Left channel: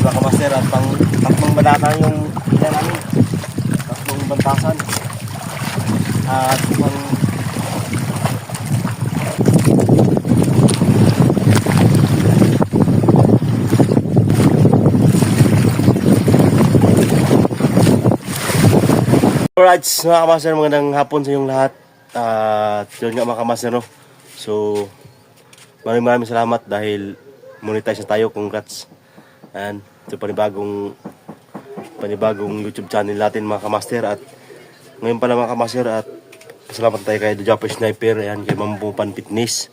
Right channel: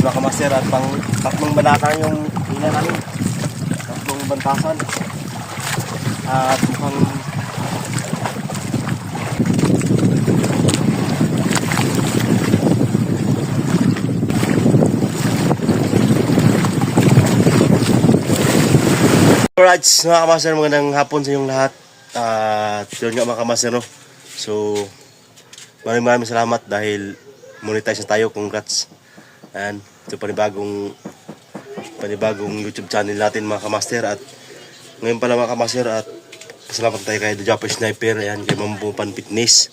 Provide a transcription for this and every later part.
mga kamaster, at pang tatlong banatan yung hila namin. Tatlong bantasan. At pang alright mga kamaster, magandang hapon sa inyong lahat. Yun nga mga kamaster, no? So maraming salamat dahil monetize na tayo. Congrats. And ito panibagong YouTube channel natin mga kamaster. At ngayon pala mga kamaster, at pasalamat tayo kay The Japper Sniper. Ayan, kay Ma'am Bupan Fitness,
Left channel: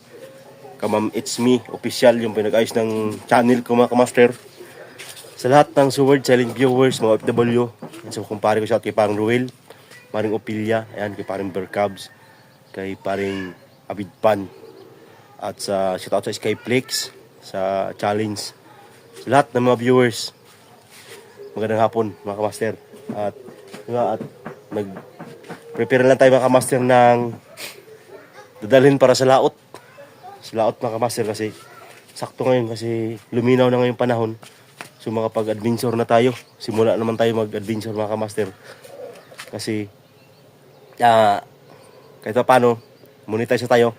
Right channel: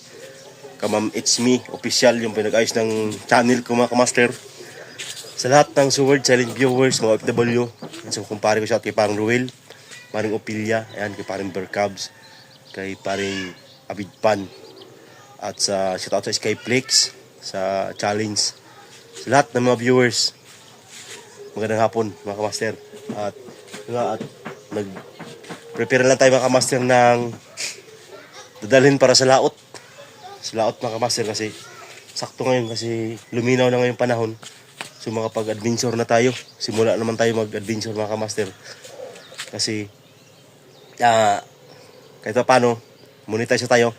kay Ma'am It's Me Official, yung pinag-ayos ng channel ko mga kamaster. Sa lahat ng Sword Silent viewers, mga OFW, so kumpare ko siya kay Parang Ruel, Paring Opilya, ayan, kay Paring Bercabs, kay Paring Abid Pan, at sa shoutout sa Skyplex, sa challenge, sa lahat ng mga viewers, magandang hapon mga kamaster. At nag-prepare lang tayo mga kamaster ng dadalhin para sa laot mga kamaster, kasi sakto ngayon, kasi luminaw na ngayong panahon. So makapag-adventure na tayo, simula naman tayo mag-adventure mga kamaster, kasi kahit pa paano monetize tayo.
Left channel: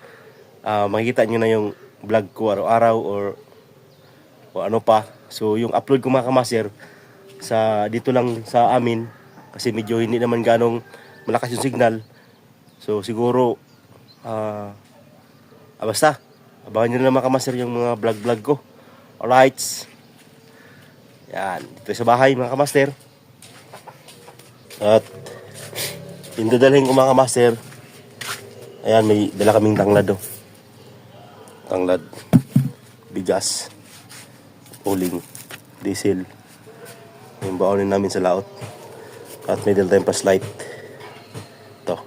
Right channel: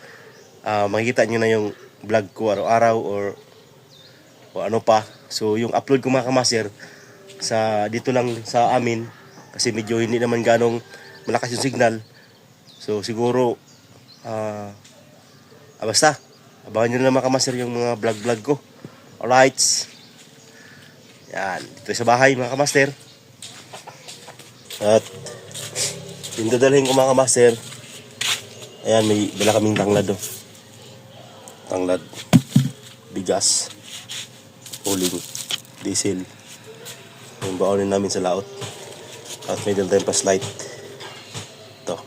Makikita nyo na yung vlog ko araw-araw or ano pa. So yung upload ko mga kamaster sa dito lang sa amin, kasi medyo hindi naman ganong malakas yung signal. So siguro basta abangan nyo na mga kamaster yung mga vlog ko. Alright, yan, dito sa bahay mga kamaster. At yung dadalhin ko mga kamaster, ayan, may dala kaming tanglad, oh. Tanglad, bigas, uling, diesel, yung baonin namin sa laot. At may dala tayong flashlight. Ito.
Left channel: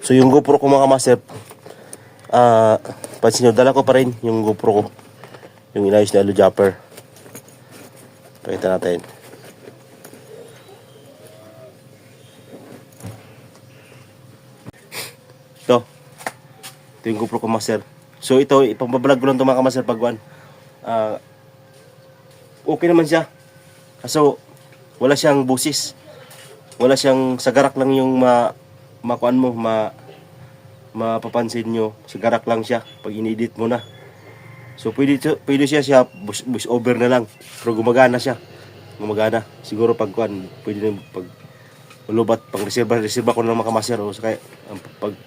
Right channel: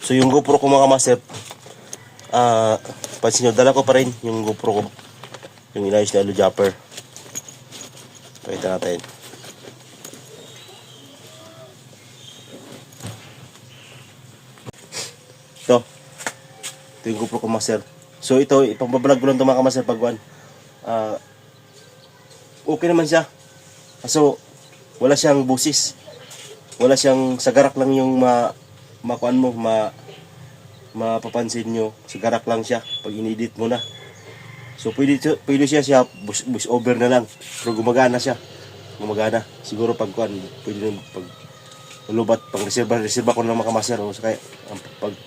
So yung GoPro ko mga kamaster, pansin nyo, dala ko pa rin yung GoPro ko, yung inayos na Hello Japper. Pakita natin. Ito yung GoPro ko master. So ito, ipambablog ko lang ito mga kamaster pagwan. Okay naman siya. Kaso wala siyang busis. Wala siyang sagarak lang yung makuan mo, mapapansin nyo. Sagarak lang siya pag inedit mo na. So pwede siya voice over na lang. Pero gumagana siya. Gumagana. Siguro pag kuan, pwede na pag lubat, pang reserva ko na mga kamaster, o sa kaya pag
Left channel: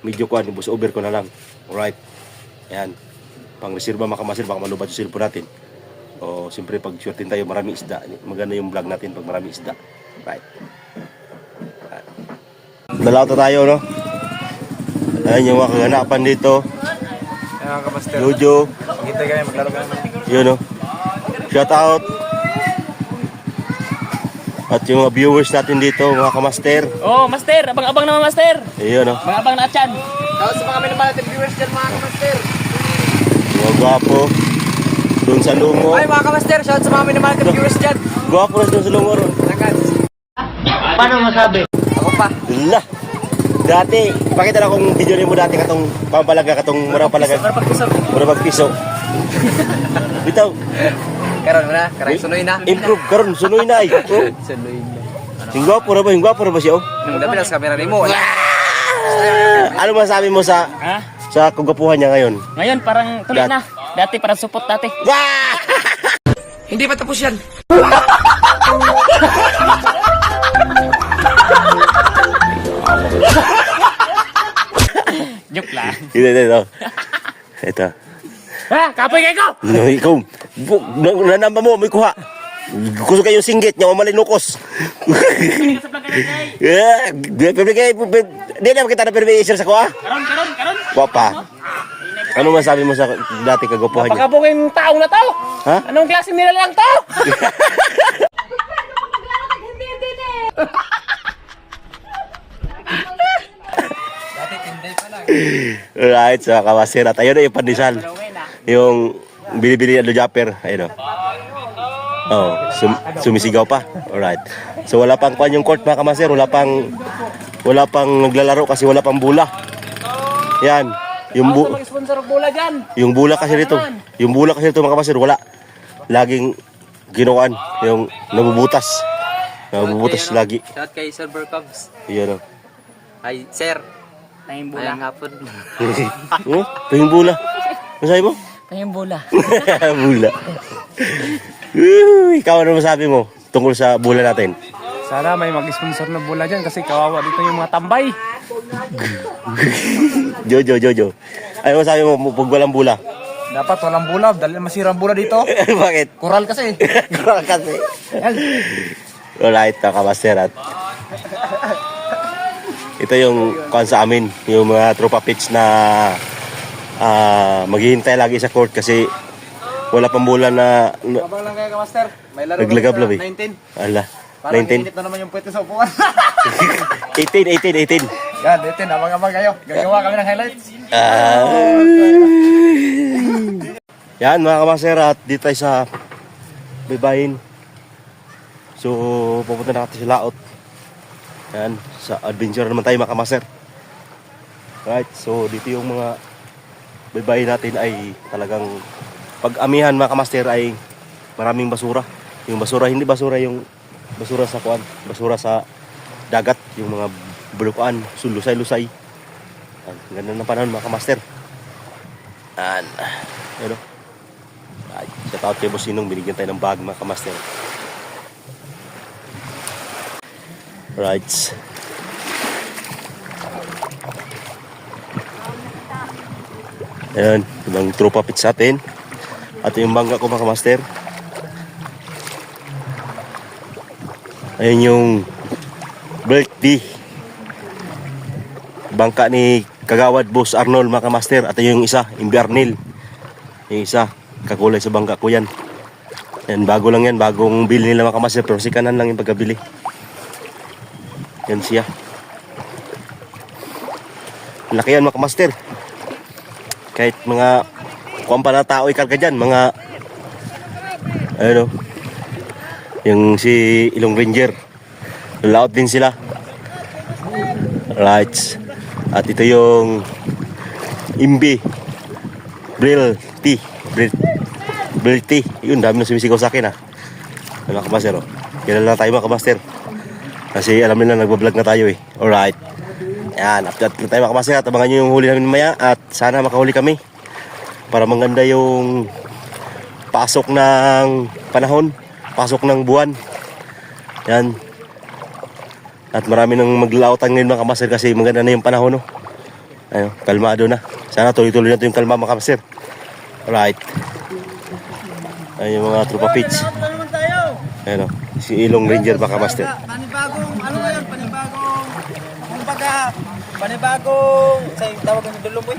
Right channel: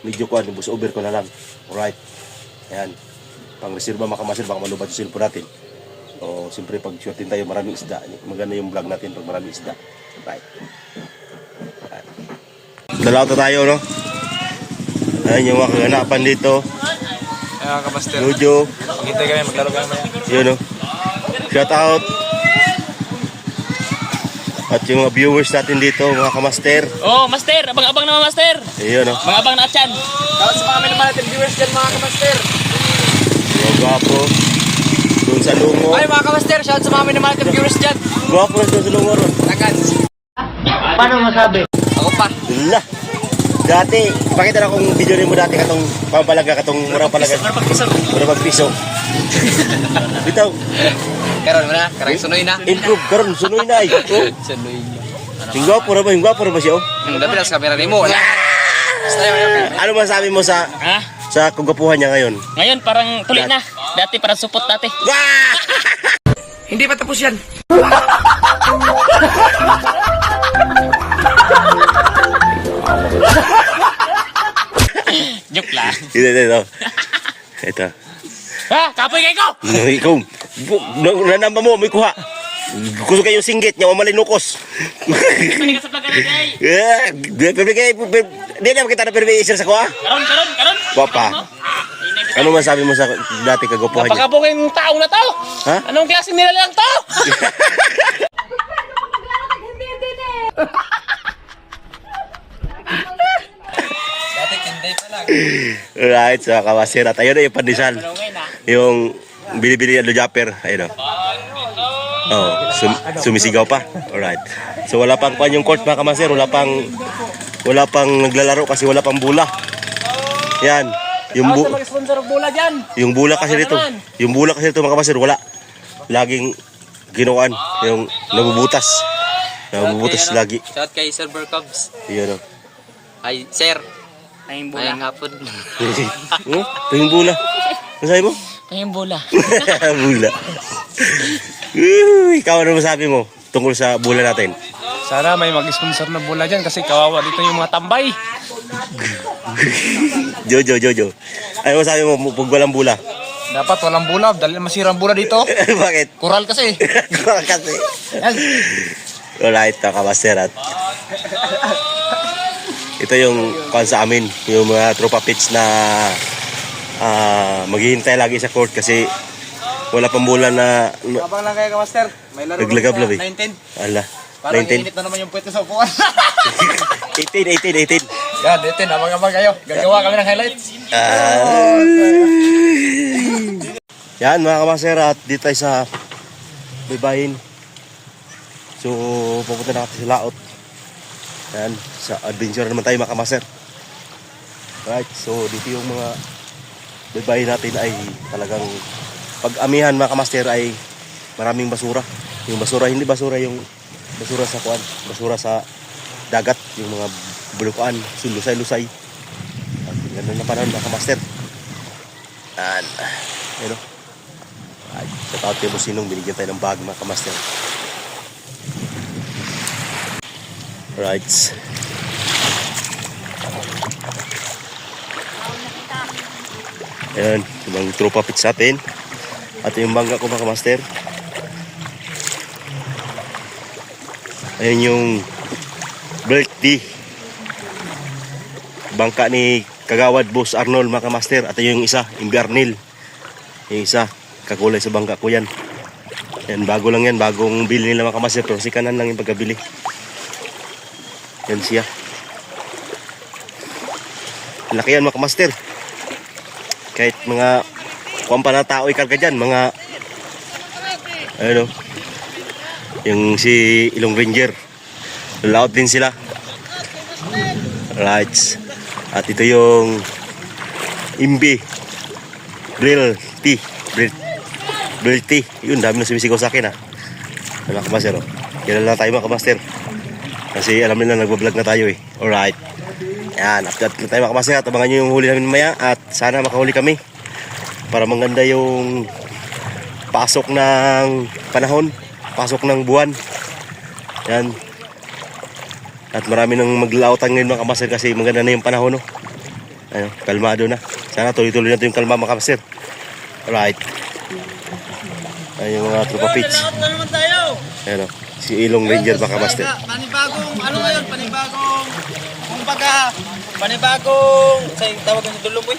medyo kuan, voice over ko na lang. Alright. Ayan. Pang reserva mga kamaster, baka malubat yung cellphone natin. O siyempre pag shootin tayo maraming isda, maganda yung vlog natin pag maraming isda. Right. Dalaw tayo, no? Ayan yung mga kaganapan dito. Ayan kamaster. Lujo. Magintay kami, maglaro kami. Yun, no? Shout out. At yung mga viewers natin dito, mga kamaster. Oh, master, abang-abang naman master. Ayun, no? Abang-abang na atyan. Kaya sa mga minamanatin viewers dyan mga kamaster. Mga gwapo. Doon sa lungo. Ay mga kamaster, shout sa mga minamanatin viewers dyan. Gwapo na doon sa lungo ron. Lagan. Paano masabi? Ako pa. Dula. Dati, pakita na akong video rin mo dati katong pampalaga, katong murang palaga. Murang pagpiso. Bitaw. Karon mo na, karang sunoy na. Improve karon, sunoy na ay. Oh. Sunoy na. Yung gwapo na ba siya, oh? Dapat na sa kamera ni mo. Ano masabi mo sa Ha? sa kagwapuhan niya ngayon? Ngayon parang tuloy na. Dati parang supot dati. Wah! Hindi pa tapos yan. Joke lang. Ito. Ito. Ha? Kapoy kayo ko! Ikaw, nanamba mo, may kuha. Gusto kayo singgit niya, malinukos. Hindi ka sa plaga na kay. Di na kita na permission sa kuha. Karon. Wapa. Ano masabi mo sa dati kagwapuhan niya? Napakabuging tao na to. Ha? Anong klase nila lang to? Dati tinday pa lang. Alright, so kawasir. At ayun na yung pandesal. Yung bili-bili Hello Japper. Ayun o. Oh, sumisigaw pa. Alright. So wala pang kuan yung court mga kamaster. Wala pang naglalaro kasi wala pang bula. Yan. Yung bula kasi dito. Yung bula kasi dito mga kamaster, wala. Laging ginawan, yung nabubutas. Nabubutas lagi. Shout kay Silver Cubs. Yun o. Ay, sir. Tayong bula. Ayang hapon. Oh, tingin bula. Ano sabi mo? Tayong bula. Bula. Ikaw ano masabi mo tungkol sa bula natin? Sana may mag-sponsor na bula dyan kasi kawawa dito yung mga tambay. Jojo. Ano masabi mo pag walang bula? Dapat walang bula dahil masira ang bula dito. Bakit? Kural kasi. Kasi. Alright, nakamaster at ito yung kan sa amin, yung mga tropa pits na maghihintay lagi sa court kasi wala pang bulan na Abang lang kayo ka, master. May laro naglagab-lab eh. 19. Ala, Parang 19. init na naman yung puwete sa upuan. 18. Yan, 18. Abang-abang kayo. Gagawa kami ng highlights. Yan mga kamaster at dito tayo sa Baybayin. So pupunta na natin sa laot. Yan, sa adventure naman tayo mga kamaster. Right, so dito yung mga Baybayin natin ay talagang pag-amihan mga kamaster ay maraming basura. Yung basura, hindi basura yung basura sa kuan, basura sa dagat, yung mga bulukan, sulusay-lusay. Ay, ganda na panahon mga kamaster. And, ayun o. Ay, katawag kayo mo sinong binigyan tayo ng bag mga kamaster. Right. Ayan, ibang tropa pits atin. At yung bangga ko mga kamaster. Ayan yung birthday bangka ni Kagawad Boss Arnold mga kamaster. At yung isa, Inviernil. Yung isa, kakulay sa bangka ko yan. Yan, bago lang yan, bagong bili nila mga kamaster. Pero si kanan lang yung pagkabili. Yan siya. Laki yan mga kamaster. Kahit mga kuwampa na tao ikarga dyan, mga ano, yung si Ilong Ranger, layout din sila. Lights. At ito yung Imbi Brill Tea. Brill Tea. Yun, dami na sumisigaw sa akin mga kamaster oh. Kilala tayo mga kamaster kasi alam nila nagbablog na tayo eh. Alright. Yan, update na tayo mga kamaster at abangan nyo yung huli namin maya at sana makahuli kami para maganda yung pasok ng panahon, pasok ng buwan. Yan. At marami nang maglautan ngayon mga kamaster kasi maganda na yung panahon no. Ayun, kalmado na. Sana tuloy-tuloy na ito yung kalma mga kamaster. Alright. Ayun yung mga tropa pitch. Ayun o, si Ilong Ranger mga kamaster. Panibagong, ano ngayon? Panibagong, sa'yo tawag ng dulong boy?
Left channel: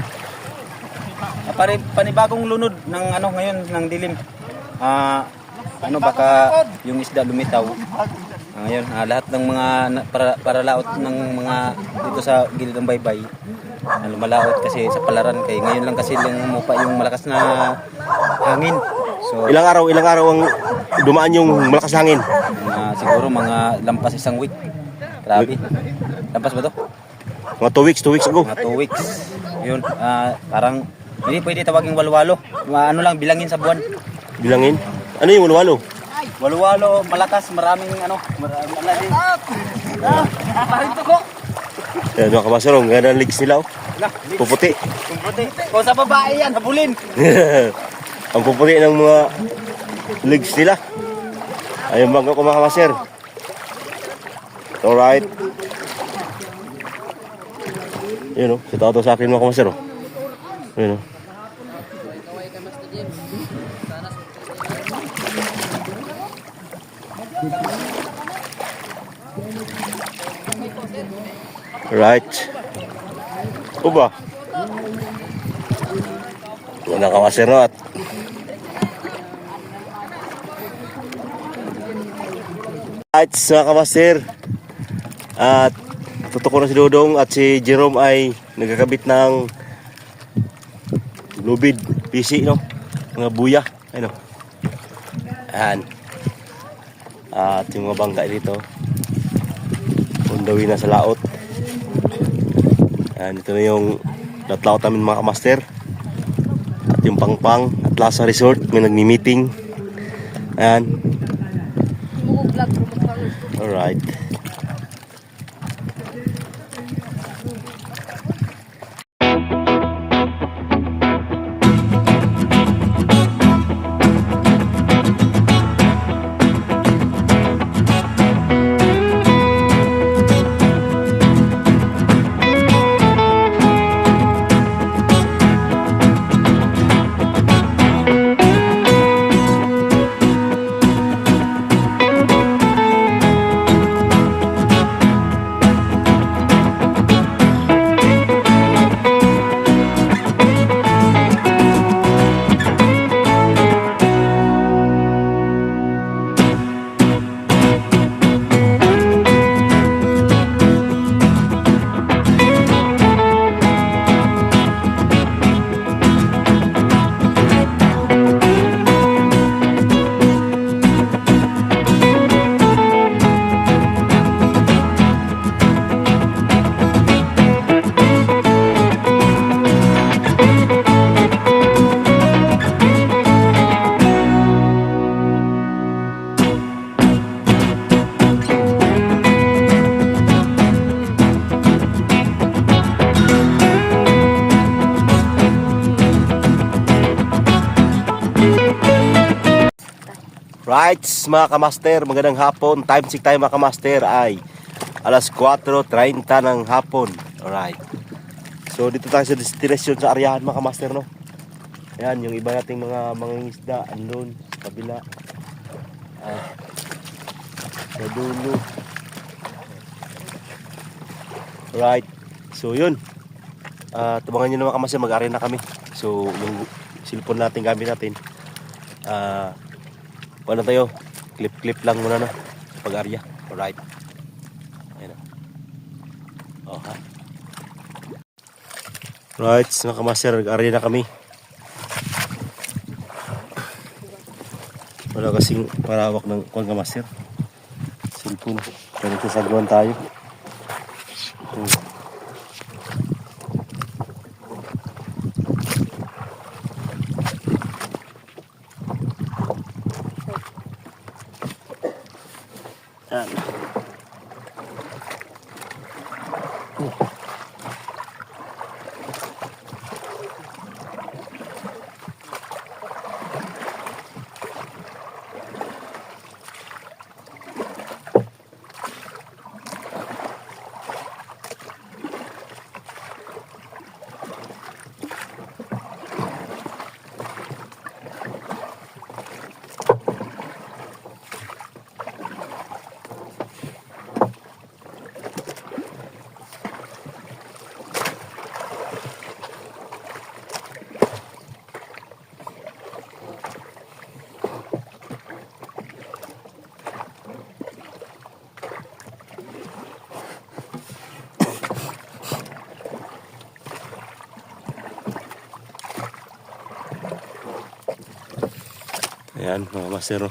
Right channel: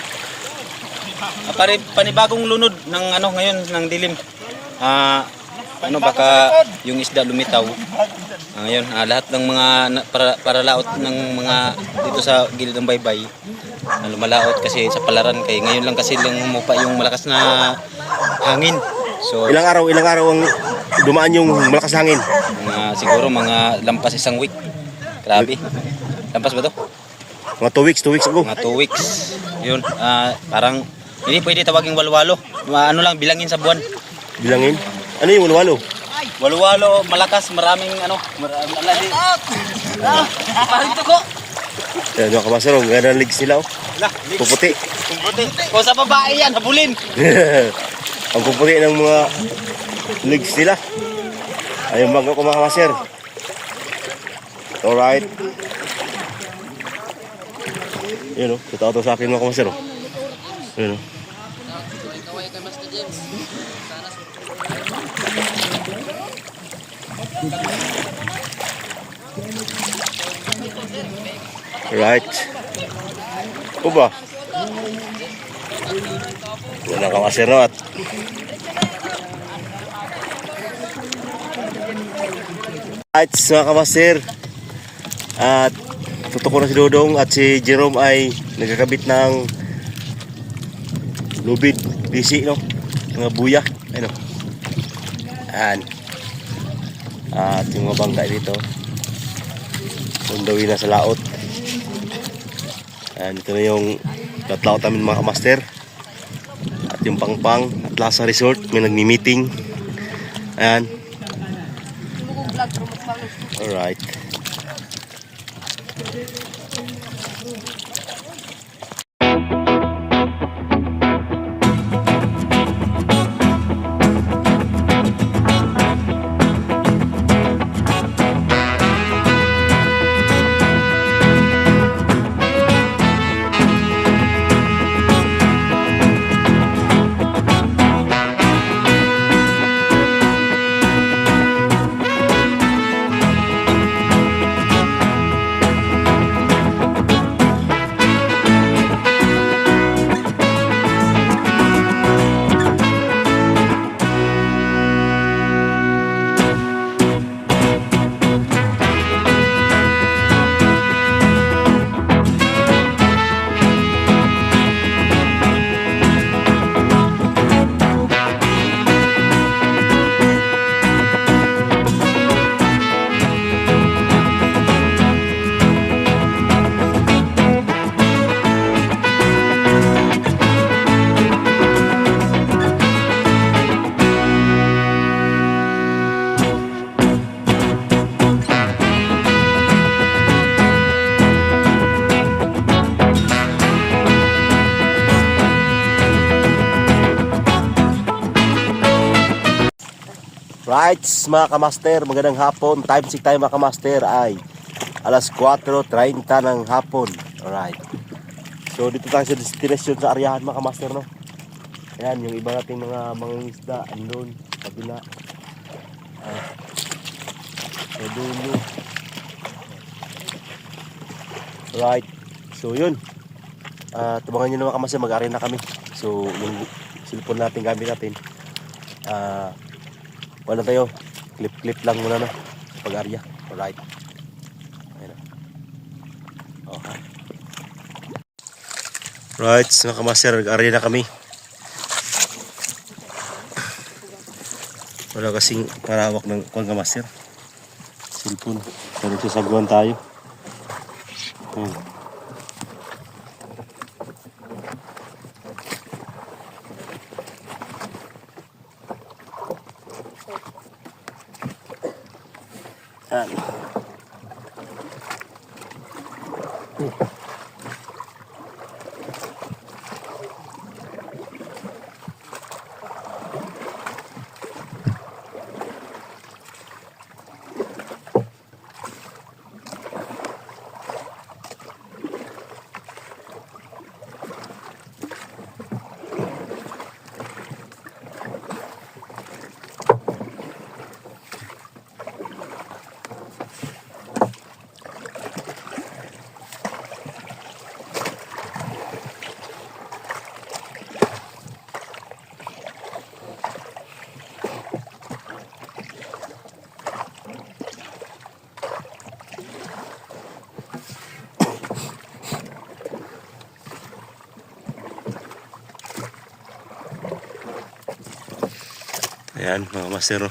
Panibagong lunod ng ano ngayon, ng dilim. Baka yung isda lumitaw. Ngayon, lahat ng mga para laot ng mga dito sa gilid ng baybay, lumalaot kasi sa palaran kay ngayon lang kasi lang humupa yung malakas na hangin. So Ilang araw ang dumaan yung malakas na hangin? Siguro mga lampas isang week. Grabe. Lampas ba to? Mga 2 weeks ago. Mga 2 weeks. Yun, parang hindi pwede tawaging walwalo. Ano lang bilangin sa buwan. Bilangin? Ano yung walwalo? Walwalo, malakas, maraming ano, maraming parang tuko. Yan mga kamaster, ang ganda ng legs nila oh. Puputi. Kung sa babae yan, habulin. Ang puputi ng mga legs nila. Ayun bangga ko mga kamaster. Alright. Yun o, totoo sa akin mga kamaster o. Yun o. Right. Uba. Wala ka maserot. Right, mga kamaster. At tutok na si Dodong at si Jerome ay nagkakabit ng lubid, PC no? Mga buya. Ano? Ayan. At yung mga bangka dito undawin na sa laot. Ayan, ito na yung latlaot namin mga kamaster. At yung pangpang at Lasa Resort may nagmi-meeting. Ayan. Alright. Right, mga kamaster, magandang hapon. Time check tayo mga kamaster ay alas 4:30 ng hapon. Alright. So dito tayo sa destination sa Aryahan mga kamaster, no? Ayan, yung iba nating mga mangingisda andun, kabila. Sa dulo. Alright. So yun. Tumangan nyo na mga kamaster, mag-arena kami. So yung cellphone natin, gamit natin. Wala tayo, clip lang muna, no, pag-arya. Alright. Ayun. Okay. Right, mga kamaster, nag-arya na kami. Wala kasing parawak ng kong kamaster, cellphone. Kaya nagsasagwan tayo. Yan. Ayan mga master.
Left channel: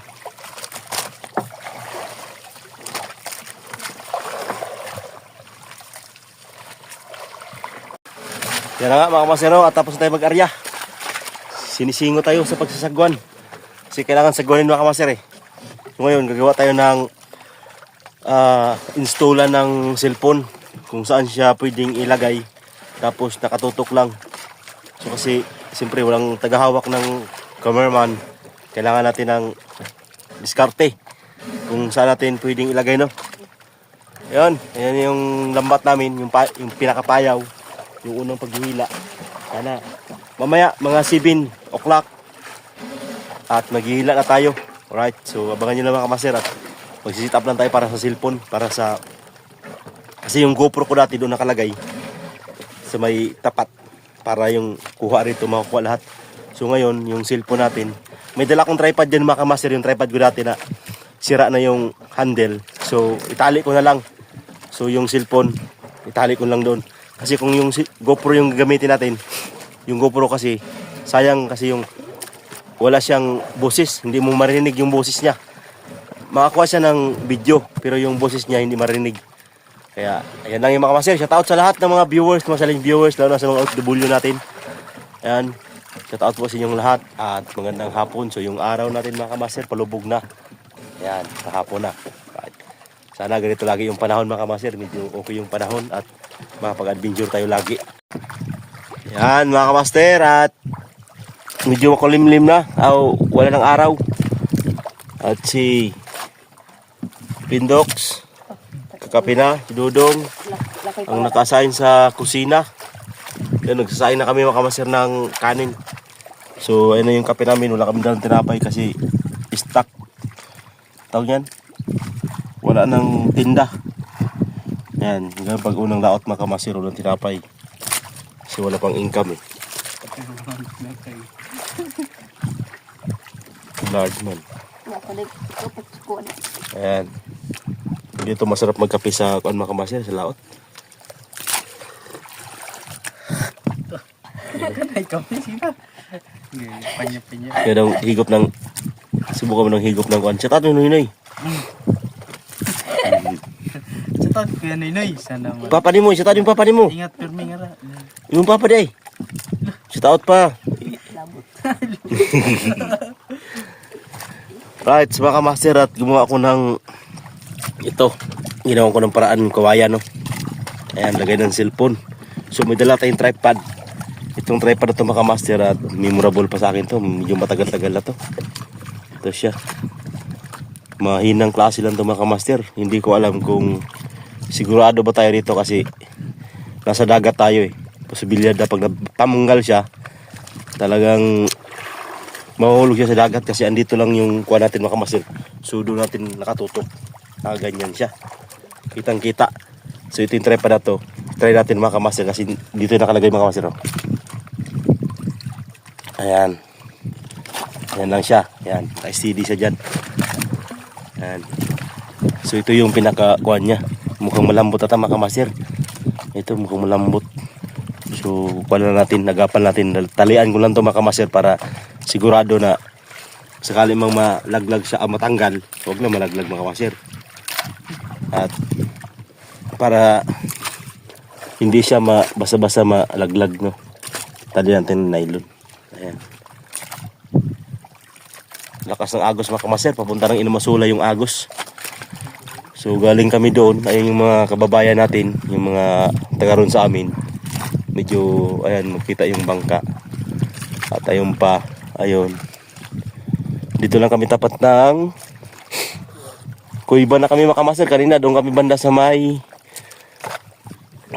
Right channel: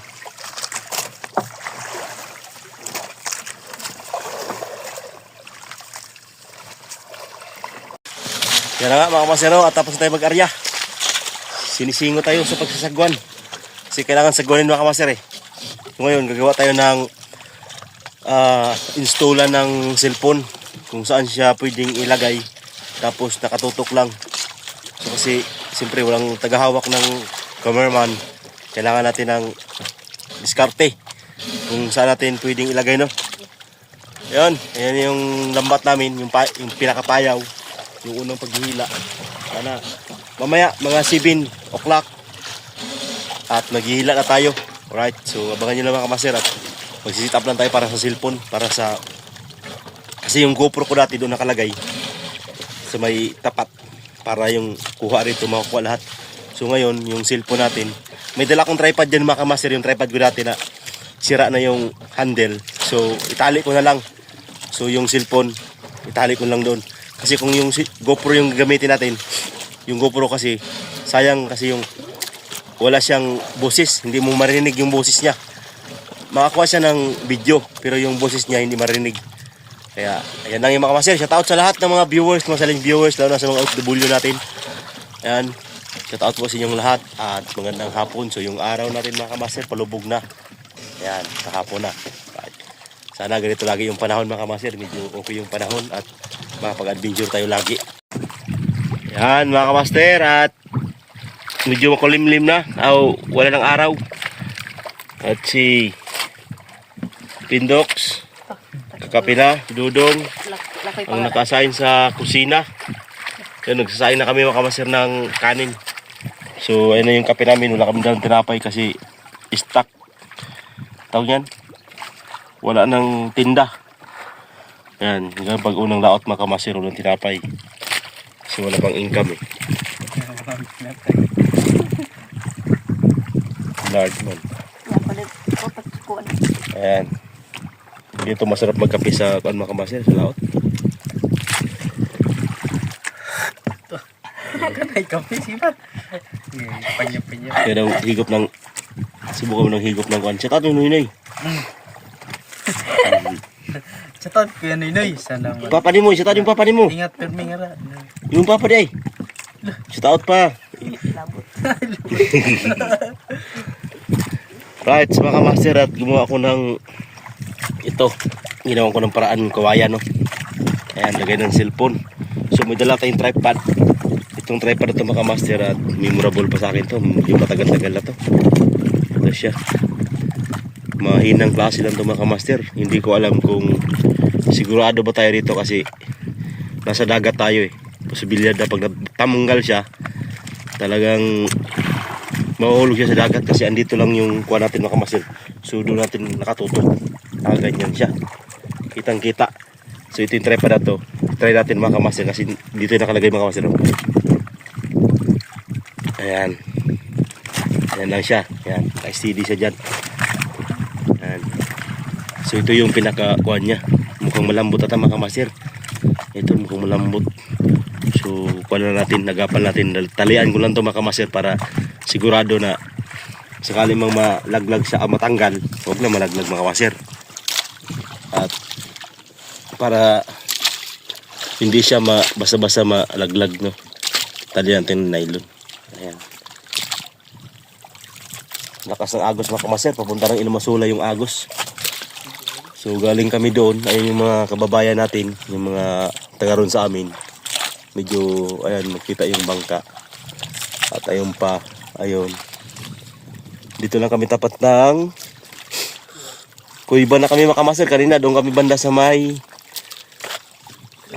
Yan na nga mga master, at tapos tayo mag-arya. Sinisingo tayo sa pagsasagwan. Kasi kailangan sagwanin mga master eh. So ngayon gagawa tayo ng installan ng cellphone kung saan siya pwedeng ilagay. Tapos nakatutok lang. So kasi siyempre walang tagahawak ng cameraman. Kailangan natin ng diskarte kung saan natin pwedeng ilagay, no. Ayan yung lambat namin, yung pinakapayaw, yung unang paghihila. Sana mamaya mga 7 o'clock at maghihila na tayo. Alright, so abangan nyo lang mga kamaster at magsisit up lang tayo para sa cellphone, para sa kasi yung GoPro ko dati doon nakalagay sa may tapat para yung kuha rito makukuha lahat. So ngayon yung cellphone natin, may dala kong tripod dyan mga kamaster, yung tripod ko dati na sira na yung handle. So itali ko na lang. So yung cellphone, itali ko lang doon. Kasi kung yung GoPro yung gagamitin natin, yung GoPro kasi, sayang kasi yung wala siyang boses. Hindi mo marinig yung boses niya. Makakuha siya ng video, pero yung boses niya hindi marinig. Kaya ayan lang yung mga kamaster. Shout out sa lahat ng mga viewers, mga saling viewers, lalo na sa mga OFW natin. Ayan. Shout out po sa inyong lahat at magandang hapon. So yung araw natin mga kamaster palubog na. Ayan, kahapon na. Right. Sana ganito lagi yung panahon mga kamaster. Medyo okay yung panahon at makapag-adventure tayo lagi. Yan mga kamaster, at medyo makulimlim na. Wala ng araw. At si Pindox, kakape na, si Dudong, ang naka-assign sa kusina. Yan, nagsasain na kami mga kamaster ng kanin. So ayun na yung kape namin. Wala kami dalang tinapay kasi stock. Tawag yan, wala nang tinda. Yan, hanggang pag unang laot mga kamaster, walang tinapay kasi wala pang income eh. Large man. Ayan, dito masarap magkape sa mga kamaster, sa laot. Ay, kape siya. Panya-panya. Kaya daw higop ng, subukan mo ng higop ng kuwan. Chat ato yun eh. Sa kaya Noy, sana mo. Papa ni mo, chat yung papa ni mo. Ingat permi nga ra. Yung papa di ay. Chat out pa. Right, sa mga master, at gumawa ko ng ito. Ginawa ko ng paraan ng kawayan, no. Ayan, lagay ng cellphone. So may dala tayong tripod. Itong tripod na ito mga master, at memorable pa sa akin to. Medyo matagal-tagal na to. Ito siya. Mahinang klase lang ito mga master. Hindi ko alam kung sigurado ba tayo rito kasi nasa dagat tayo eh. Posibilidad na pag natanggal siya, talagang mahuhulog siya sa dagat kasi andito lang yung kuha natin mga master. So doon natin nakatutok. Ganyan siya. Kitang kita. So ito yung tripod na to. Try natin mga master kasi dito yung nakalagay mga master. Ayan. Ayan lang siya. Ayan. Naka-steady siya dyan. Ayan. So ito yung pinaka-kuhan niya. Mukhang malambot ata mga master. Ito mukhang malambot. So kuha na natin. Nagapan natin. Talian ko lang ito mga master para sigurado na sakali mang malaglag siya matanggal. Huwag na malaglag mga master. At para hindi siya basa-basa malaglag, no. Talian natin ng nylon. Ayan. Lakas ng agos mga kamaster, papunta ng Inumasula yung agos. So galing kami doon, ayun yung mga kababayan natin, yung mga taga ron sa amin. Medyo ayan, makita yung bangka. At ayun pa, ayun. Dito lang kami tapat ng Kuiba na kami mga kamaster. Kanina doon kami banda sa may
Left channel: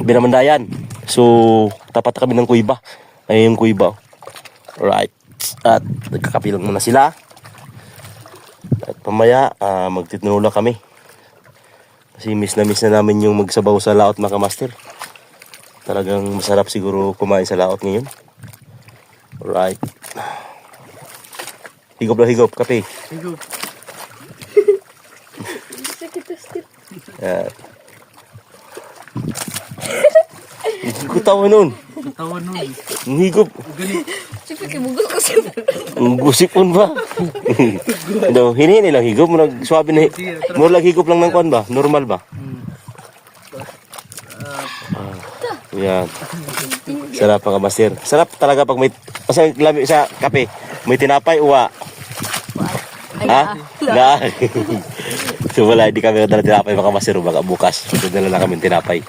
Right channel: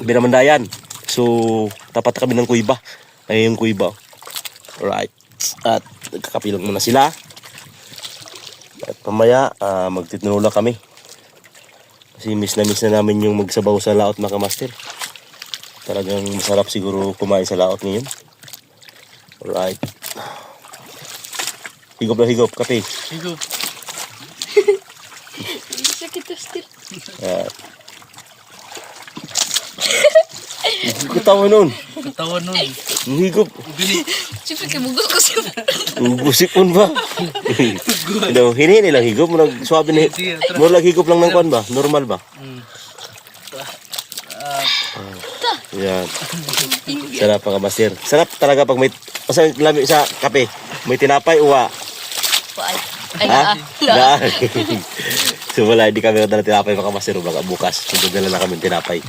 Binamandayan. So tapat kami ng Kuiba. Ayun yung Kuiba. Alright. At nagkakapilang muna sila. At pamaya magtitinula kami. Kasi miss na namin yung magsabaw sa laot mga kamaster. Talagang masarap siguro kumain sa laot ngayon. Alright. Higop na higop, kape. Higop. Sakit to still. Kutawa nun. Tawa nun. Ang higop. Siyempre kay mugos ko sa. Gusipon ba? No, hini lang higop mo nagsuabi na. Mo lang higop lang ng kwan ba? Normal ba? Yan. Sarap mga master. Sarap talaga pag may lami sa kape. May tinapay uwa. Ay Ha? na. So wala, hindi kami nadala tinapay mga master. Baka bukas. Nadala lang kami tinapay.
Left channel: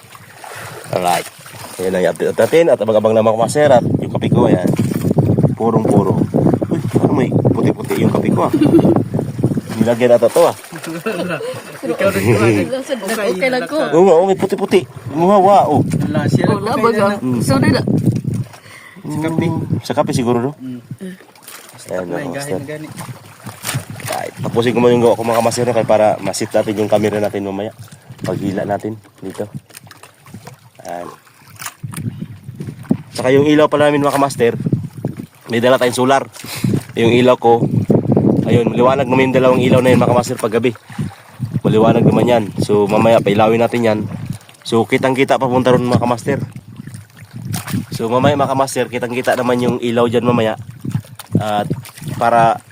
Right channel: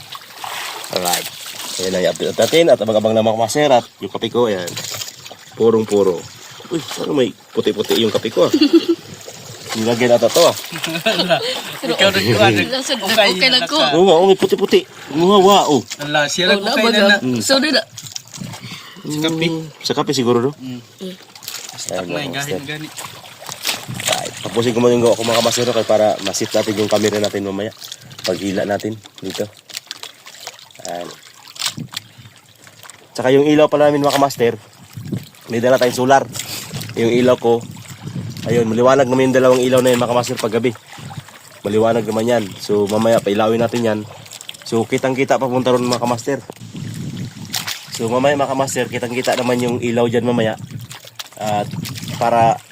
Alright. Ayan na i-update natin. At abang-abang na mga master. At yung kape ko, yan. Purong-puro. Uy, ano may puti-puti yung kape ko ah. Nilagyan na to ah. Ikaw rin ko. Lang sa okay lang ko. Oo nga, may puti-puti. Muhawa, oh. Ala, siya Oh, lang na ko baga. na. Sorry na. Sa kape siguro, no? Stop na, gahin gani. Ay, tapusin ko mo yung gawa ko mga kamasero kaya para masit natin yung camera natin mamaya. Paghila natin dito. Ayan. Tsaka yung ilaw pala namin mga kamaster, may dala tayong solar. Yung ilaw ko, ayun, maliwanag naman yung dalawang ilaw na yun mga kamaster paggabi. Maliwanag naman yan. So mamaya pailawin natin yan. So kitang kita papunta ron mga kamaster. So mamaya mga kamaster, kitang kita naman yung ilaw dyan mamaya. At para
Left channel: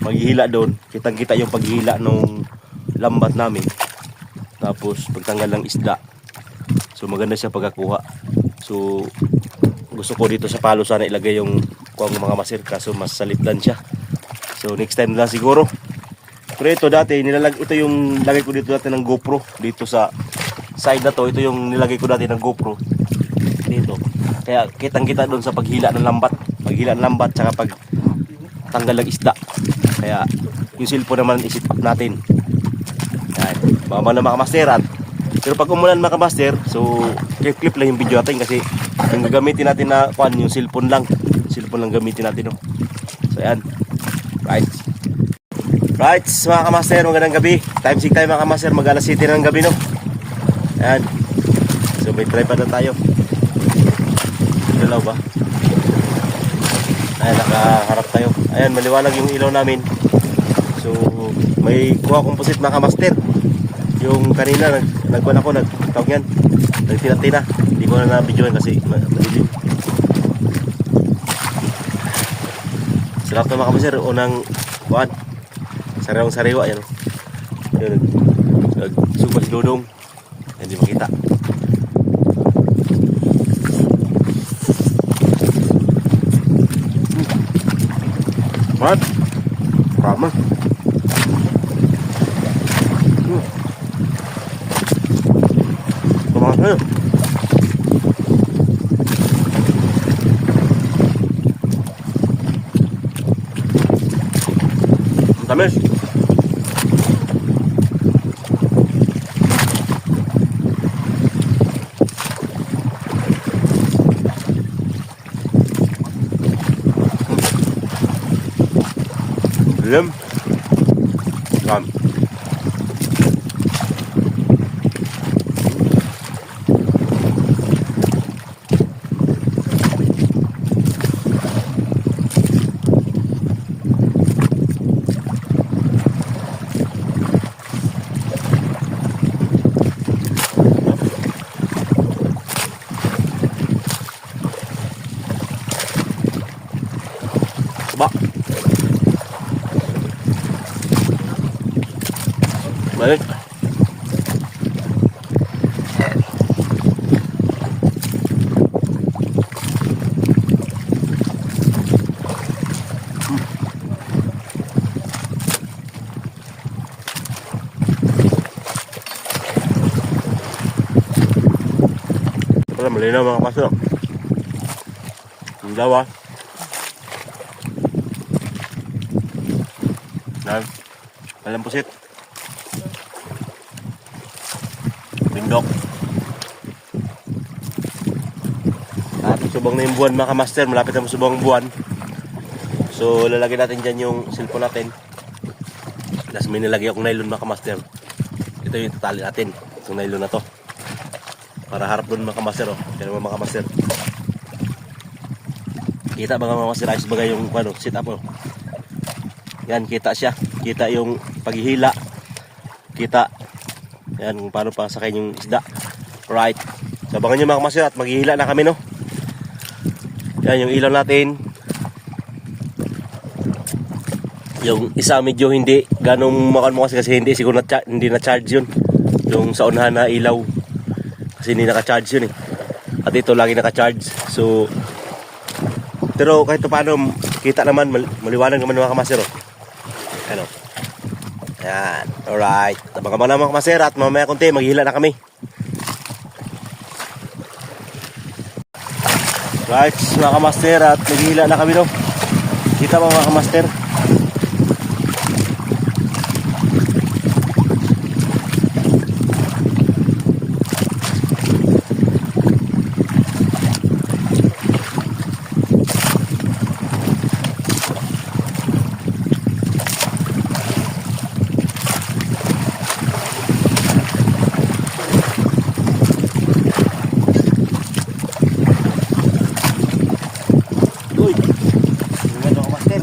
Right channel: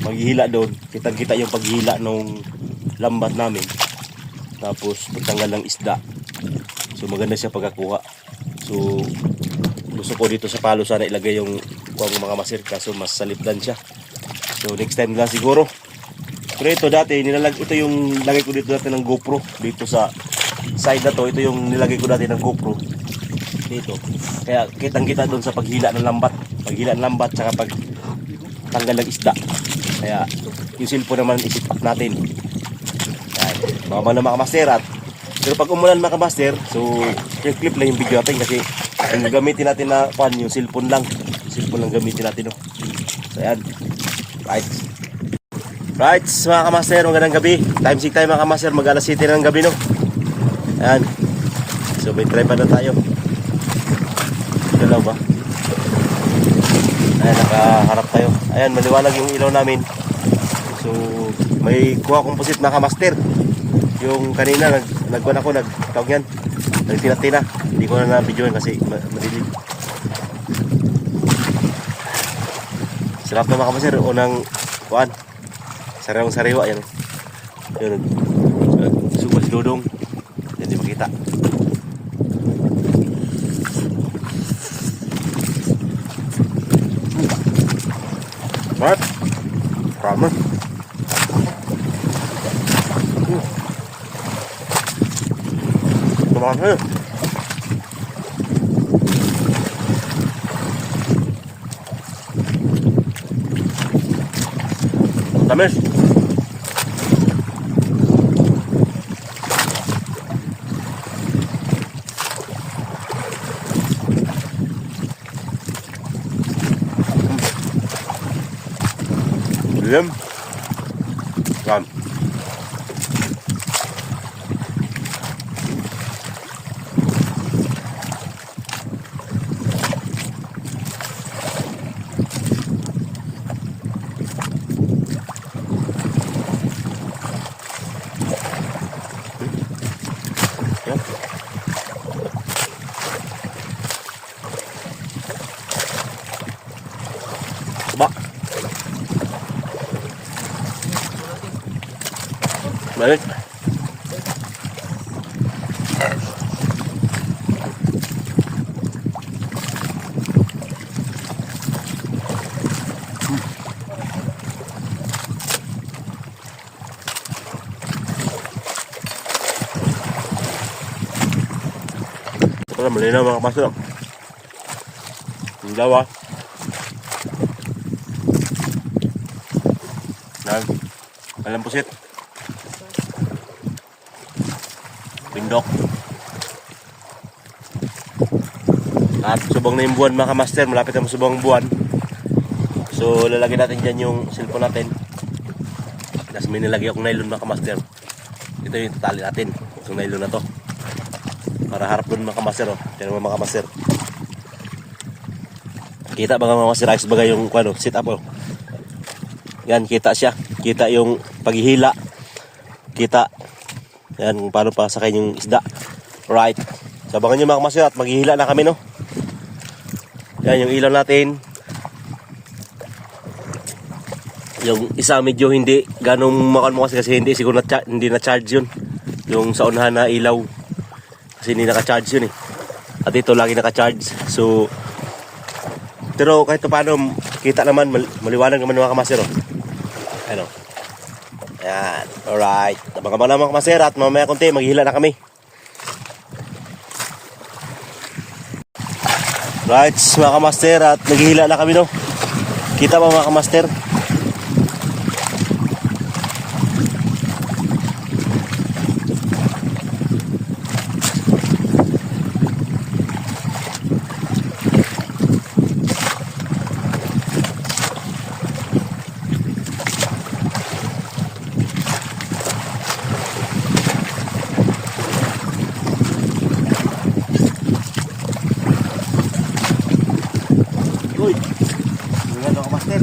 maghihila doon, kitang kita yung paghihila nung lambat namin. Tapos pagtanggal ng isda. So maganda siya pagkakuha. So gusto ko dito sa palo sana ilagay yung kuwang mga masir, kaso mas salipdan siya. So next time lang siguro. Pero ito dati, ito yung lagay ko dito dati ng GoPro. Dito sa side na to, ito yung nilagay ko dati ng GoPro. Dito. Kaya kitang-kita doon sa paghila ng lambat. Paghila ng lambat, tsaka pag tanggal ng isda. Kaya yung cellphone naman isip up natin. Yan. Baka na makamaster at pero pag umulan makamaster, so clip lang yung video natin kasi yung gagamitin natin na yung cellphone lang. Cellphone lang gamitin natin. No? So yan. Right. Right, mga kamaster, magandang gabi. Time check tayo mga kamaster, mag alas 7 ng gabi no. Ayan. So may tripod na tayo. Dalaw ba? Ayan, nakaharap tayo. Ayan, maliwanag yung ilaw namin. So may kuha composite mga kamaster. Yung kanina nagkuhan ako, nagtawag yan, nagtina-tina. Hindi ko na na-videoin kasi madilim. Sarap na mga kamaster, unang kuhan. Sariwang sariwa yan. Yun, supas dudong. Hindi makita. What? Ramen. Kumakas kayo. Tamis. Dilim. Ram. Ba. Balik. Ito lang, malinaw mga kapasok. Ang dawa. Alam pusit. Pindok. At subong na yung buwan mga kamaster. Malapit na masubong ang buwan. So lalagyan natin dyan yung cellphone natin. Tapos may nilagay akong nylon mga kamaster. Ito yung tatali natin. Itong nylon na to. Para harap dun mga kamaster. Oh. Yan mga kamaster. Kita ba mga kamaster? Ayos bagay yung sit up. Oh. Yan, kita siya. Kita yung paghihila. Kita. Yan, kung paano pa sakay yung isda. Right. Sabangan nyo mga kamaster at maghihila na kami no. Yan, yung ilaw natin. Yung isa medyo hindi ganong makan mo kasi hindi siguro hindi na-charge yun. Yung sa unahan na ilaw. Kasi hindi naka-charge yun eh. At ito lagi naka-charge. So, pero kahit paano kita naman, maliwanag naman mga kamaster. Oh. Ano? Ayan. Alright. Tabang-abang na mga kamaster at mamaya konti maghihila na kami. Right mga kamaster at maghihila na kami no. Kita ba mga kamaster? Uy, ingat ako master.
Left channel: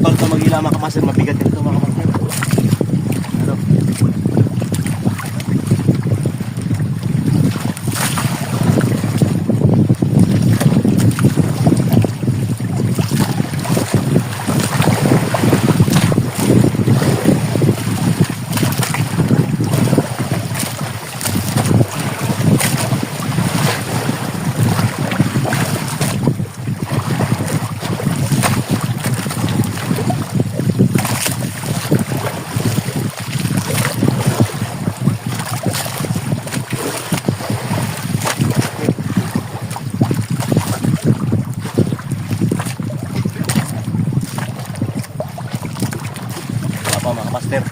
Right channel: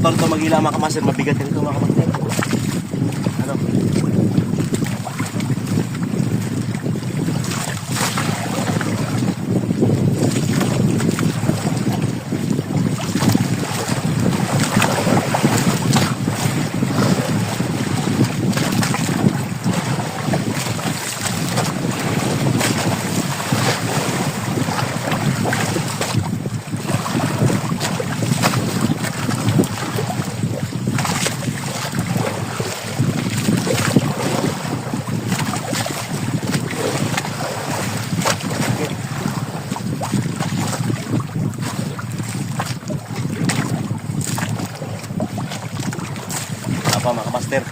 motor to mag-ila mga kamaster, mabigat ito mga kamaster. Wala pa mga kamaster.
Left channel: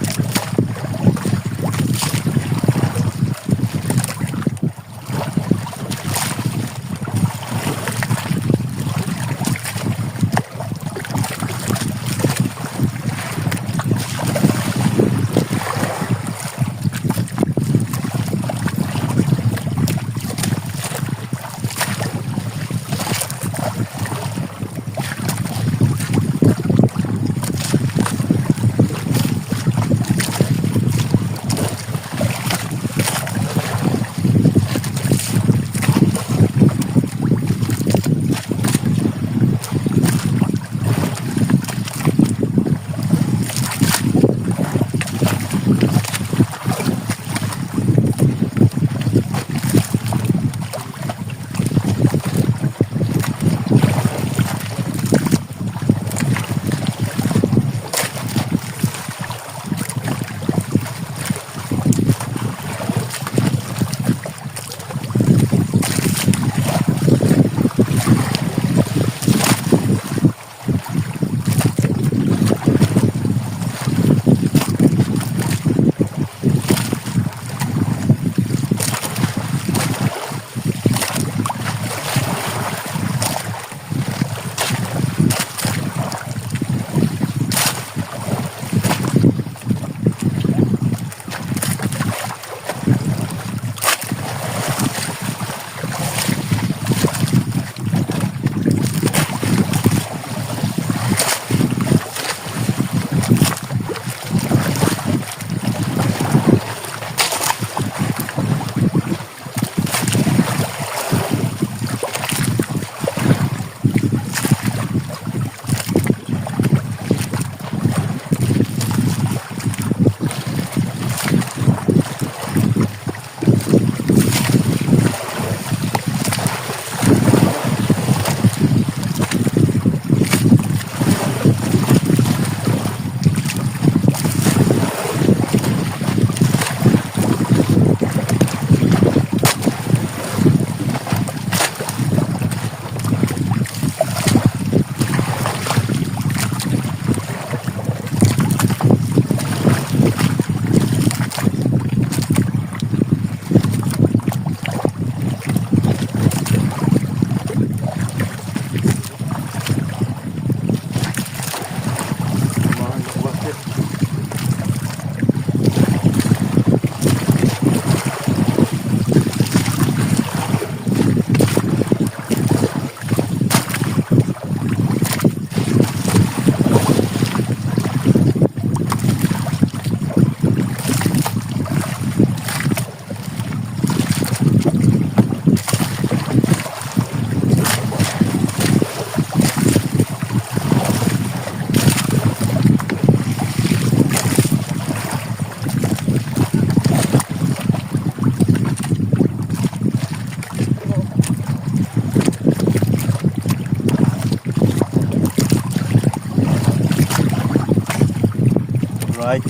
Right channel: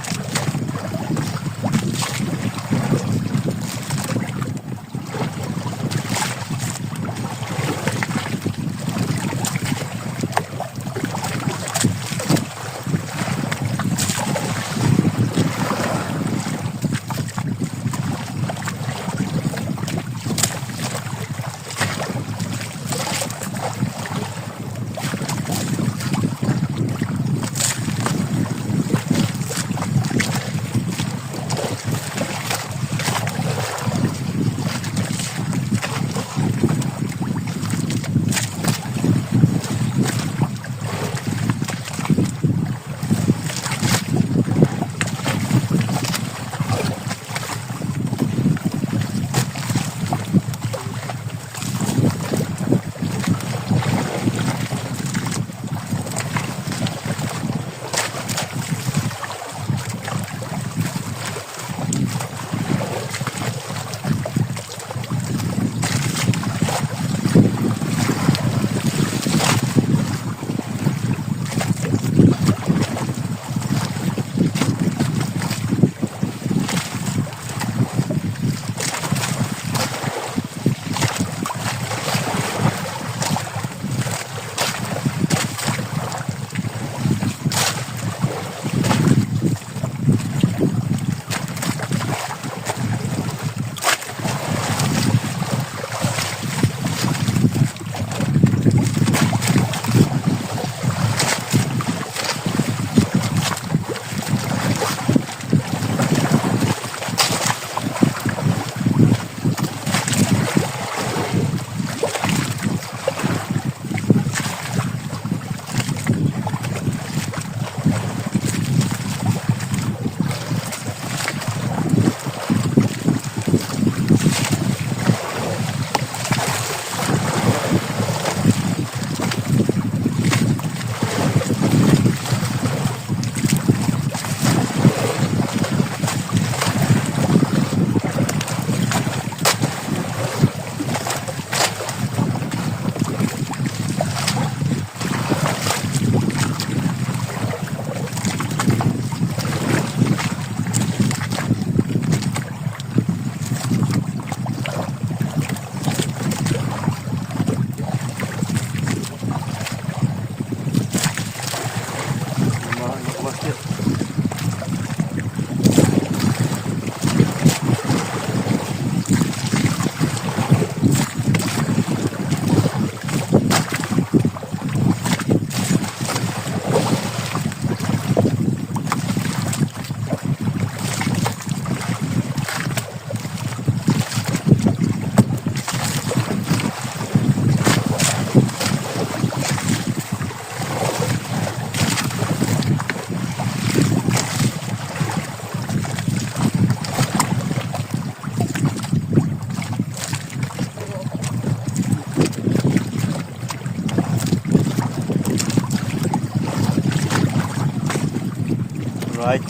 Alright.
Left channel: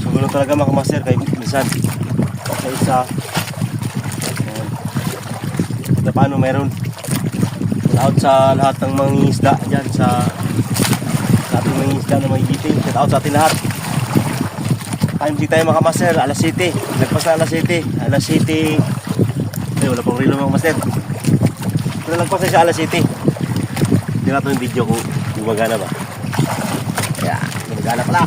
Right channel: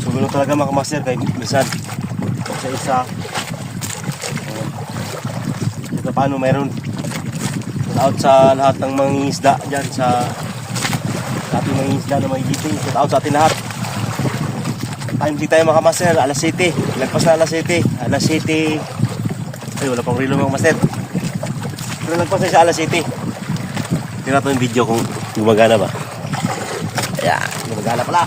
So ganoon talaga mga kamaster kay minsan isa-isa. Ayan. Ito paano mayroon shout out sa lahat ng mga isda dyan sa ating mga isda na may giting. Shout out sa ating lahat. Time di tayo mga kamaster, alas 7. Lagpas na alas 7. Alas 7. Ay wala pang relo mga kamaster. Pero lagpas na sa alas 7. Tingnan natin yung video kung gumagana ba. Ayan, gumagana pala.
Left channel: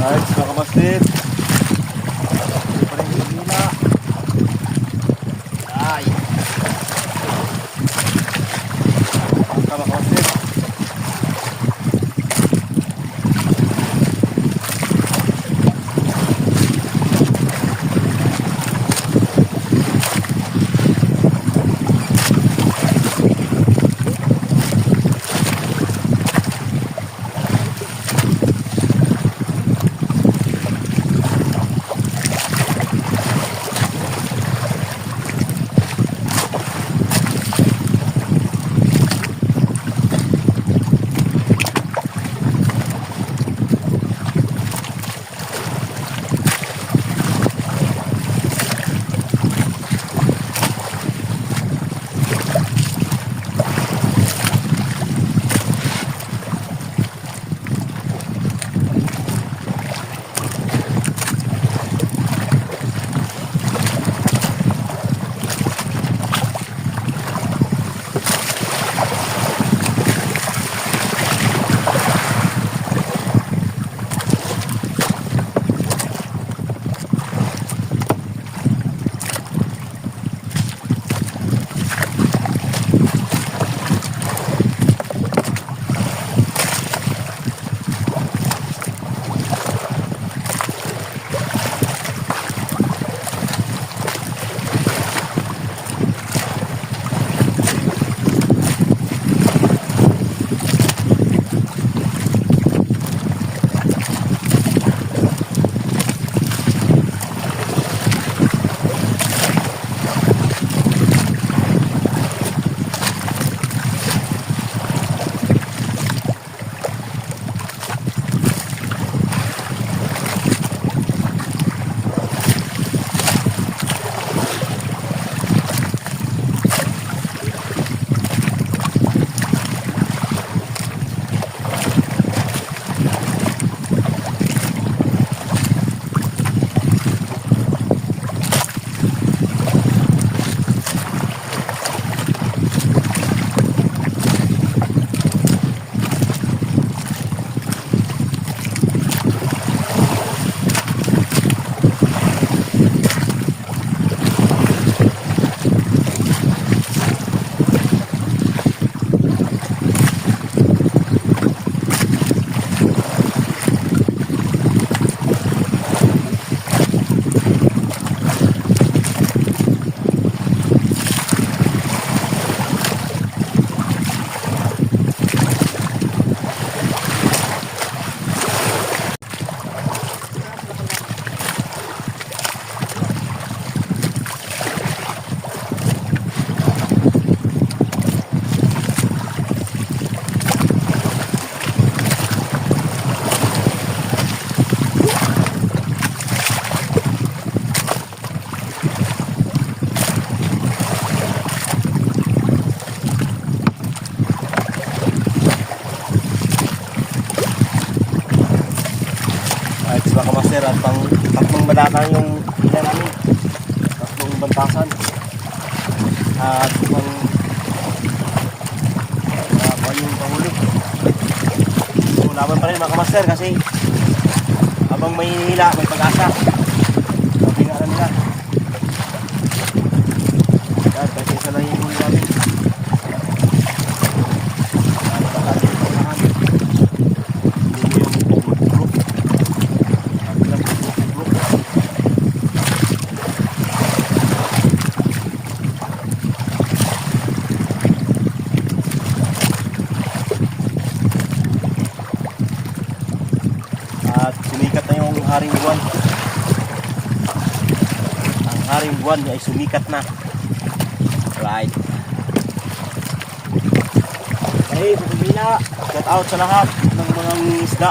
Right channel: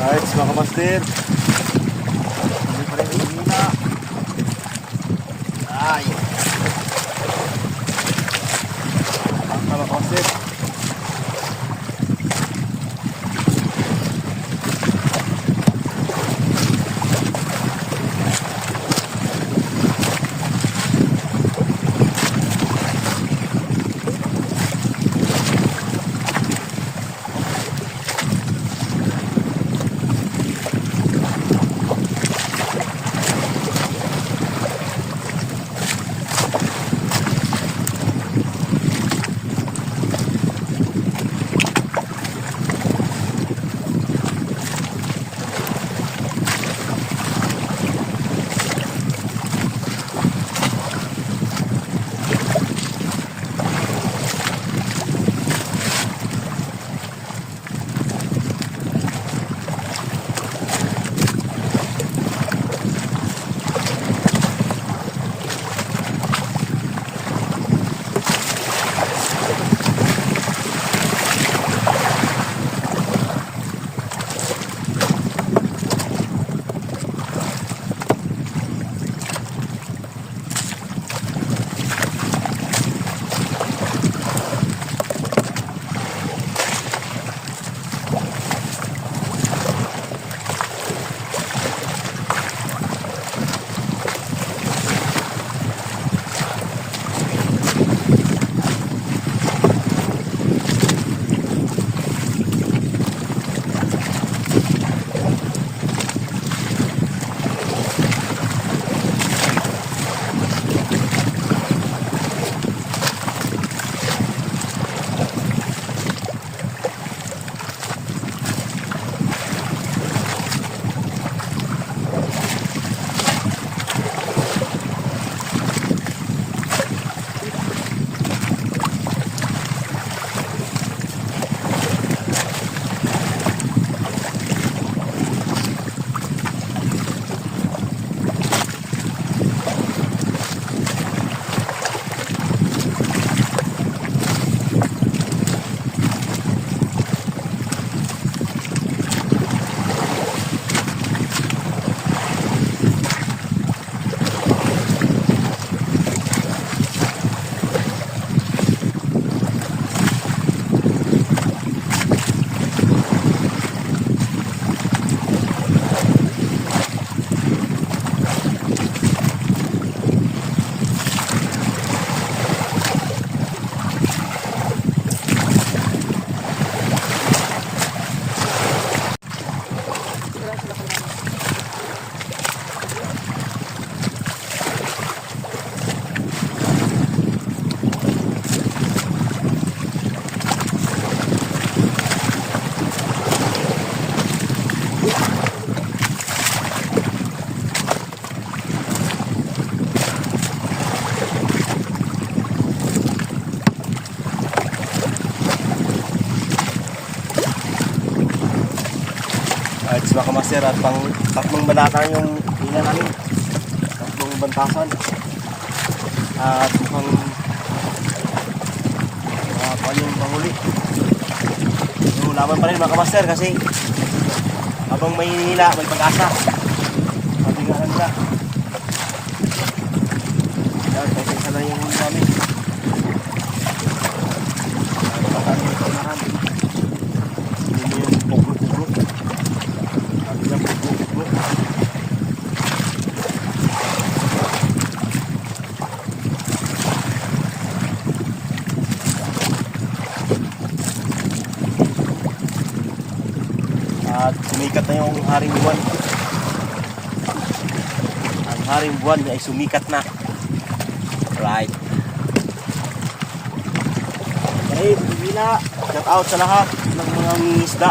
Alright, mga kamaster. Ay. Bangka mga kamaster. Alright, mga kamaster, at tatlong balatan yung hila namin. Tatlong bantasan. At mukhang kuhan yung panghuli. So, laban pa rin mga kamaster kasi habang may hila, may pag-asa. Sabi nga lang nila. At kasi isa lang yung huli namin. At baka rin ito unahan. Hindi yung puklo-puklo. Sabi nga puklo-puklo. At sumikat na yung haring buwan. Ang haring buwan ay sumikat na. Right. Okay, Pagmila. Shout out sa lahat ng mga isda.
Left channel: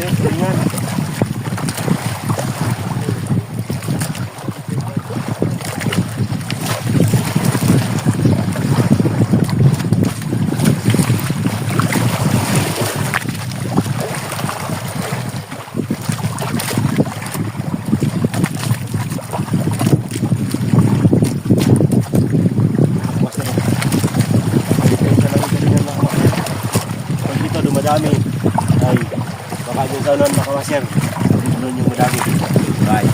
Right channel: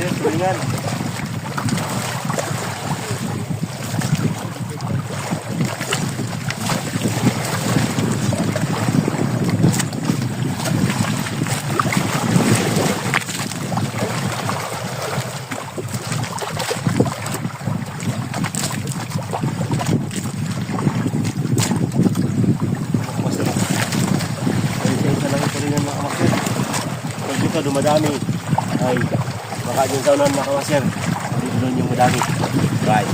Okay, tulingan. Master. Isa lang ito rin yung mga master. Pag dito dumadami ay baka yung saunan mga master. Dito doon yung madami. Right.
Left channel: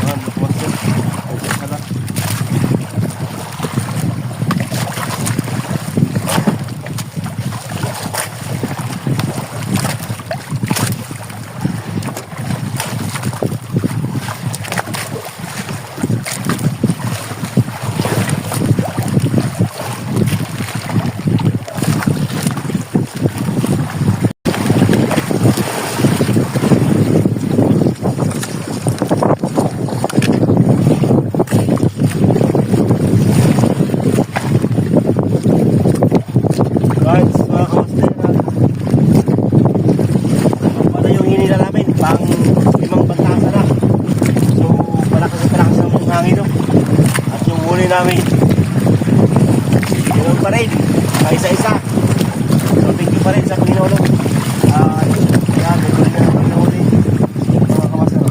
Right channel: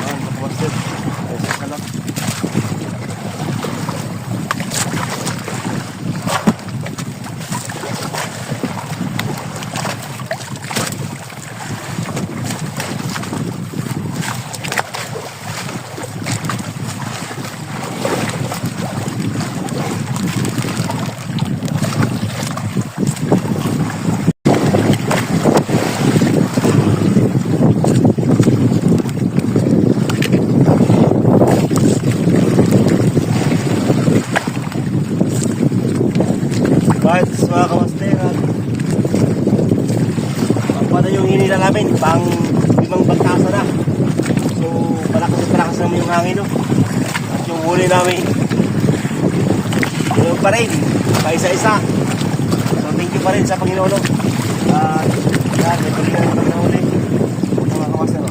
Yan, mga master. Ay, isa lang. Guys, mga kamaster, pagpada yung hinila namin, pang 5 bantasa na. So, palakas naman yung hangin, no? At yung huli namin, yun pa rin, isa-isa. So, thank you pa rin sa Panginoon, no? At, yan, may tuloy na yung huli, mga kamaster, no?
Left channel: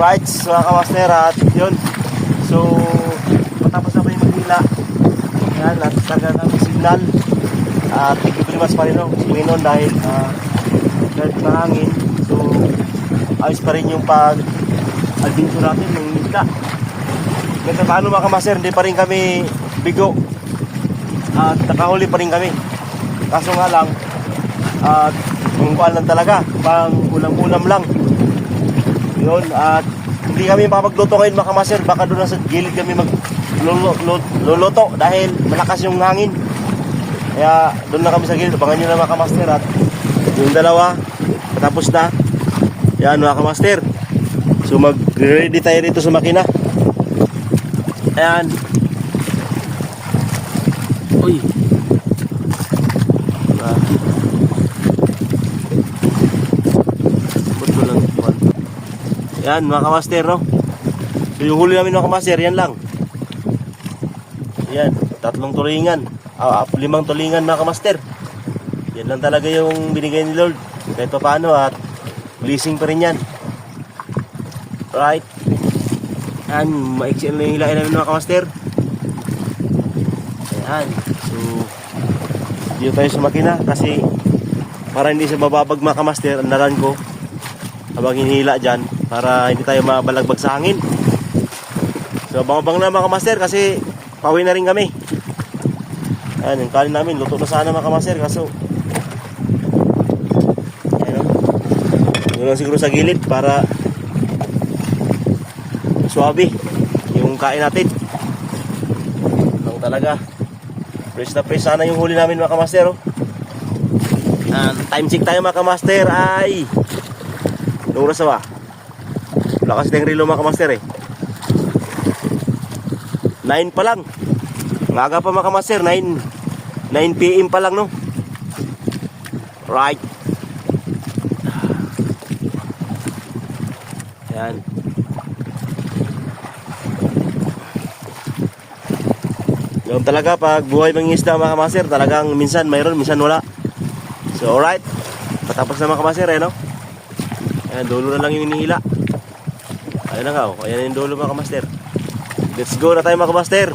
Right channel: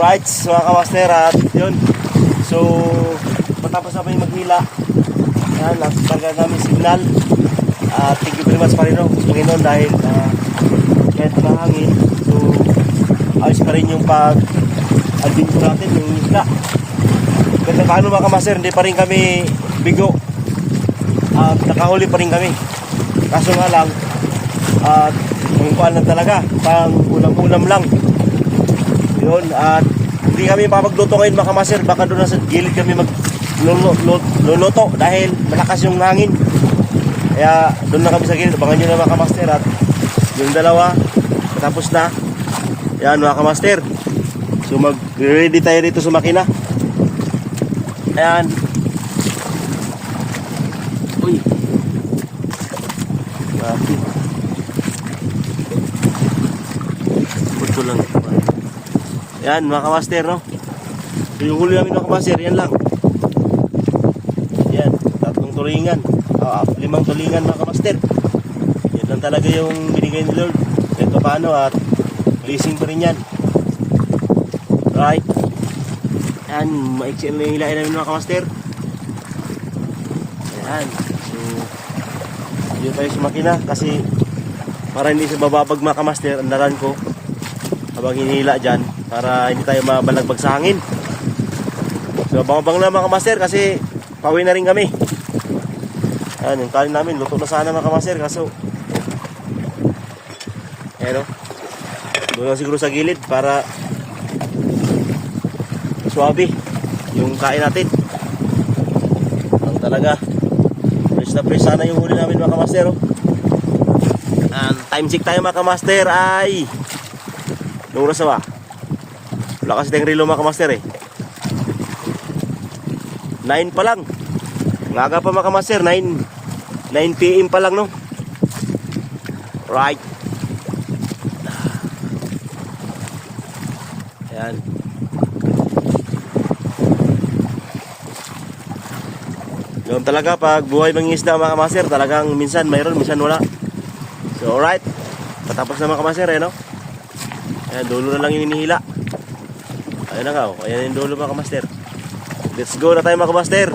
Right, so mga kamaster at yun. So, matapos na pa yung maghila. Ayan, at talaga kami signal. Thank you very much pa rin Panginoon dahil kahit nahangin. So, ayos pa rin yung pag-adventure natin ng isla. Kasi paano mga kamaster, hindi pa rin kami bigo. At nakahuli pa rin kami. Kaso nga lang, kung kuhaan lang talaga, pang ulam-ulam lang. Yun, at hindi kami makapagluto ngayon mga kamaster. Baka doon sa gilid kami magluluto dahil malakas yung hangin. Kaya doon na kami sa gilid. Abangan nyo na mga kamaster. At yung dalawa, patapos na. Yan mga kamaster. So mag-ready tayo dito sa makina. Ayan. Uy. Bakit? Puto lang. Yan mga kamaster So yung huli namin mga kamaster, yan lang. Yan, 3 tulingan. 5 tulingan mga kamaster. Yan lang talaga yung binigay ni Lord. Kahit pa paano at blessing pa rin yan. Right. Yan, maiksiyan lang yung hilain namin mga kamaster. Ayan. So, dito tayo sa makina kasi para hindi sa bababag mga kamaster, andaran ko habang hinihila dyan para hindi tayo mabalagbag sa hangin. So, abang-abang na mga kamaster kasi pauwi na rin kami. Ayan, yung kanin namin, luto na sana mga kamaster kaso ayan doon siguro sa gilid para suabe yung kain natin. Ang talaga fresh na fresh sana yung huli namin mga kamaster time check tayo mga kamaster ay anong oras na ba? Wala kasi tayong relo mga kamaster 9 pa lang. Ngaga pa mga kamaster, 9 PM pa lang Right. Ayan. Yung talaga pag buhay mangingisda mga kamaster, talagang minsan mayroon, minsan wala. So alright. Patapos na mga kamaster Ayan, dulo na lang yung inihila. Ayan na nga Ayan yung dulo mga kamaster. Let's go na tayo mga kamaster.